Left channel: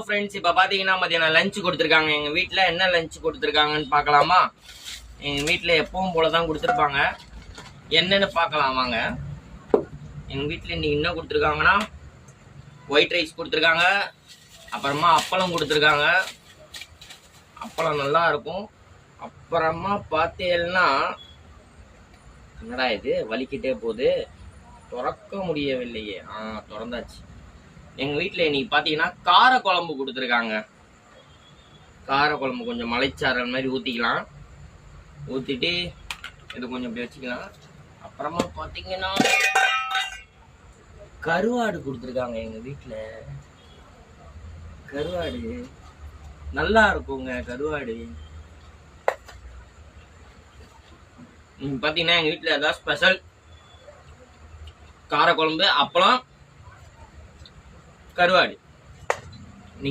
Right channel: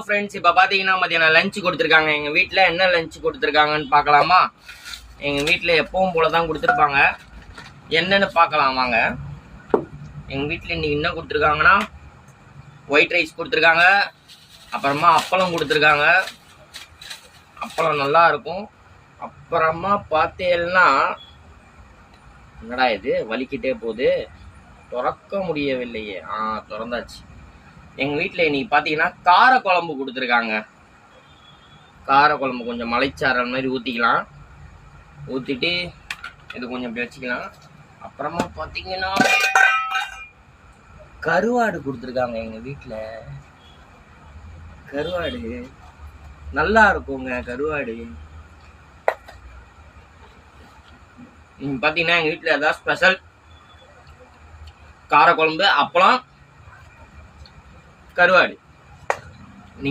Friends, இப்போ பார்த்தீங்கன்னா மதியானம் லஞ்ச் கொடுத்துருக்காங்க. எங்கள் வீட்டில் என்ன லஞ்ச் கொடுத்துருக்காங்கன்னு பார்க்கலாமா? எங்கள் வீட்டில் எப்பவும் போல தான் கொடுத்துருப்பாங்க. என்னென்னு பார்க்கலாம் வாங்க. எங்கள் வீட்டில் இன்றைக்கி என்ன கொடுத்துருக்காங்கன்னா, ஒயிட் ரைஸ் கொடுத்துருக்காங்க. அப்புறமா அப்பளம் கொடுத்துருக்காங்க. அப்பளம் நல்லா இருக்கும். அப்புறமா பார்த்தீங்கன்னா, என்னடா இது வலிக்கிட்டே போகுது, திறக்க முடியவில்லையே. திறந்தாச்சு. எங்கள் வீட்டில் இன்னைக்கு பார்த்தீங்கன்னா கார குழம்பு கொடுத்துருக்காங்க. கார குழம்பு கொஞ்சம் மலைச்சாரல் மாதிரி ஊற்றிக்கலாம். ஊற்றிட்டு இது கொஞ்சம் இப்படி வச்சுக்கலாம். அப்புறமா பார்த்தீங்கன்னா கருவாடு கொடுத்துருக்காங்க. எங்கள் வீட்டில் கருவாடு நல்லா இருக்குங்க. கருவாடு நீங்கள் பார்த்தீங்கன்னா எங்கள் வீட்டில் ஏதாவது ஸ்பெஷல் கார குழம்பு, அப்பளம், கருவாடு.